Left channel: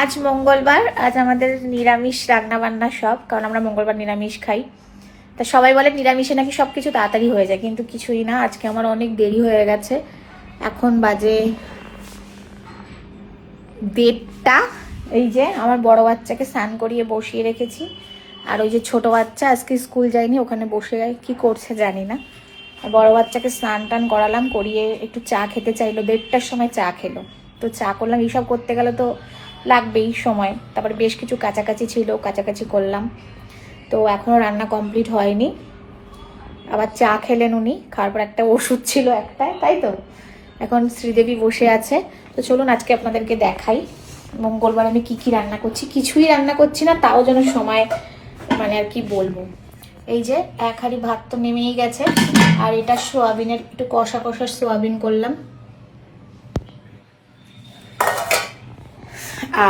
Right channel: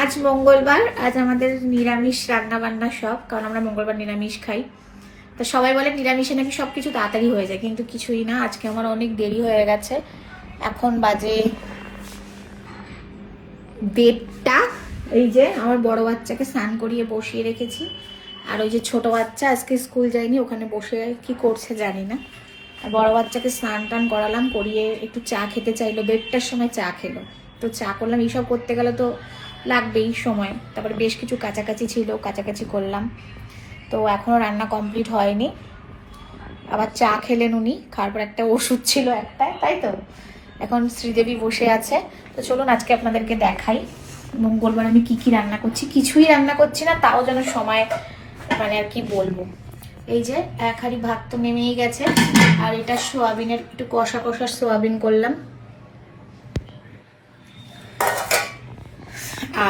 আজ মঙ্গলবার, আজ আমাদের নিরামিষ রান্না বান্না সব, কারণ আমরা মঙ্গলবার নিরামিষ খাই। তা সবাই বলে নিরামিষে নাকি সবকিছু তাড়াতাড়ি হয়ে যায়, কিন্তু কিছুই না। আজকে আমার অনেক দেরি হয়ে গেছে। এখন বাজে 1:30। এই যে আমার বড় বাচ্চাকে স্নান করিয়ে বসিয়ে রেখেছি, আর ওই যে ছোট বাচ্চা আজকে স্কুল যায়নি, ওখানে বসে কি করছে জানি না। বড় বাচ্চাকে স্নান টান করালাম, করিয়ে একটু চা খেতে চাইলো, 1:30টার সময় চা খেলো। তো চা করলাম, এইসব করতে গেলে তো লাগবেই সময়। তারপরে বেশ কিছু কাছাকাছি ছিল, কাছাকাছি করলাম। তো এখনো রান্না কমপ্লিট হয়নি। আবার চা খেলেন উনি, খাওয়ার পর একটা ওষুধ ছিল একটা, তাই তো। এখন শ্রীদেবী বসে আছে। তো চলুন আজকে আপনাদেরকে দেখাই মঙ্গলবার আমি কি কি রান্না করছি। কিছুই রান্না করছি না, তাও যেন সময়, মানে আর কি বলবো। এই যে এক হাঁড়ি ভাত তো নেমেই গেছে, আর এটা সোয়াবিনের একটু কষা কষা সোয়াবিন করলাম,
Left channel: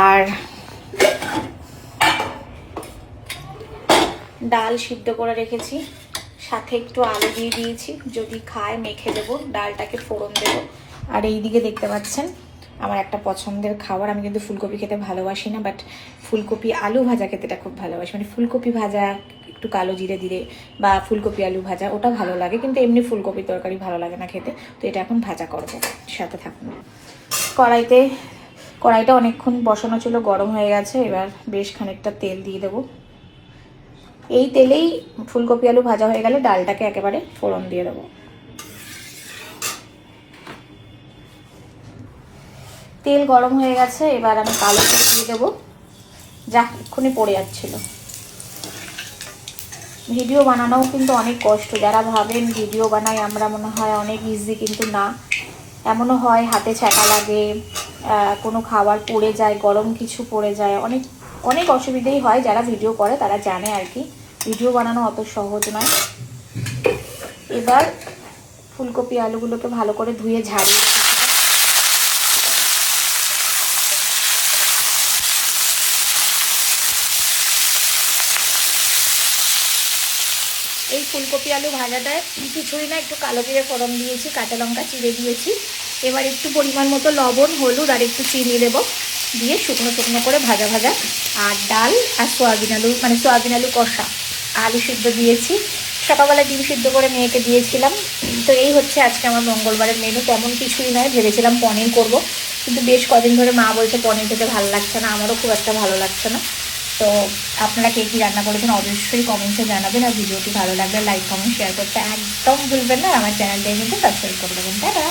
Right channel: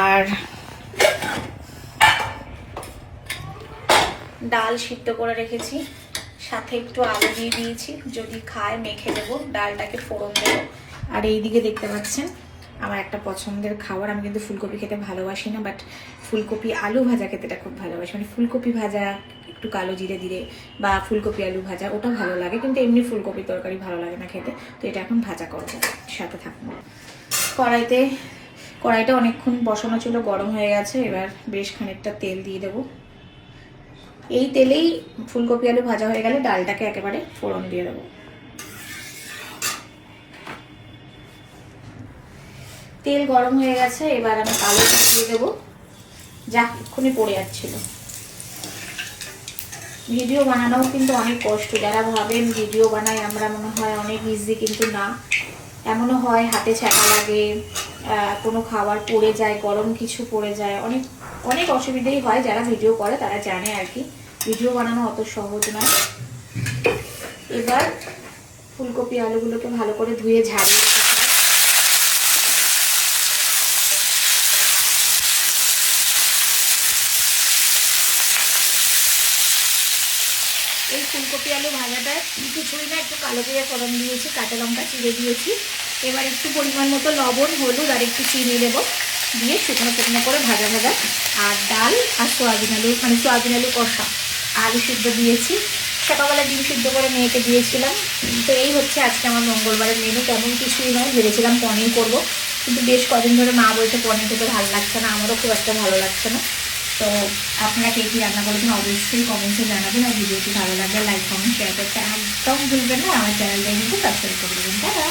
আর ডাল সিদ্ধ করে রেখেছি, সাথে একটু আলু দিয়ে দিয়েছি, যদি খায় মেখে দেবো, ডালটাকে ফোড়ন দেবো। আর এইদিকে দেখতে পাচ্ছেন আমার একটা পছন্দের খাবার, আমি কিন্তু ফুলকপি খেতে ভালোবাসি না, বাট ফুলকপি আলু ভাজা খেতেটা খুব ভালোবাসি। মানে ফুলকপি ভাজা একটু কালো জিরে দিলে, বা ফুলকপি আলু ভাজা, ওটা ভালো লাগে, কিন্তু এমনি ফুলকপি তরকারি ভালো লাগে না খেতে। তো এটা এখন ভাজা করবো, সাথে থাকুন। কড়াইটা অনেকক্ষণ বসানো ছিল, গরম হয়ে গেছে। এবার বেশ খানিকটা তেল দিয়ে দেবো। এই তেলেই ফুলকপি আলু ভাজা হয়ে গেলে ডালটাকে একেবারে ফোড়ন দিয়ে দেবো। তেল গরম হয়ে গেছে, এবার আমি কালো জিরে দিয়ে দেবো, যা এক্ষুনি পড়ে যাচ্ছিল। ভিডিও বানানোও কিন্তু অনেক কষ্ট। যারা ভাবেন ভিডিও বানাই আমরা, মনে হয় অনেক ইজি, কিন্তু না। এমনও হয় হাতে ছ্যাঁকা লাগে, কোনো খাবার পড়ে যায়, গরম কিছু পড়ে যায়, অনেক অনেক অসুবিধেই হয়। যারা ভিডিও করে তারা জানে আর কি, ভিডিও বানানো অত সহজ নয়। এবার ফুলকপি আলুগুলোকে ভালো করে ধুয়ে ঝাড়িয়ে এই ফুলকপি আলু ভাজাটায় কিছুই না, একটু কালো জিরে ফোড়ন দিয়েছি, কাঁচা লঙ্কা চিড়ে দিয়েছি। এবার একটু পরিমাণ মতো লবণ, হলুদ আর একটু চিনি দেবো, দিয়ে শুকনো শুকনো করে ভাজা ভাজা। আর ডাল আর সোয়াবিন আলু, মানে সোয়াবিন আলু কষা, আলু সিদ্ধ দিয়েছি। সকালবেলা ডিম সিদ্ধ করে মেয়েকে দিয়েছিলাম। তো এই হচ্ছে আজকে আমার মঙ্গলবারের মেনু। তেমন কিছুই নয়, ভেবেছিলাম পনির করব, কিন্তু বেশ কদিন ধরে মা বলছে পনির খেতে ভালো লাগছে না, আমারও খুব একটা ভালো লাগছে না। তো আপনারা কে কী রান্না করেছেন অবশ্যই কমেন্টে জানাবেন। আর ভিডিওটি ভালো লাগলে লাইক কমেন্ট শেয়ার করতে একদম ভুলবেন না। আমার চ্যানেলটাই কিন্তু সাবস্ক্রাইব করে দেবেন। টাটা।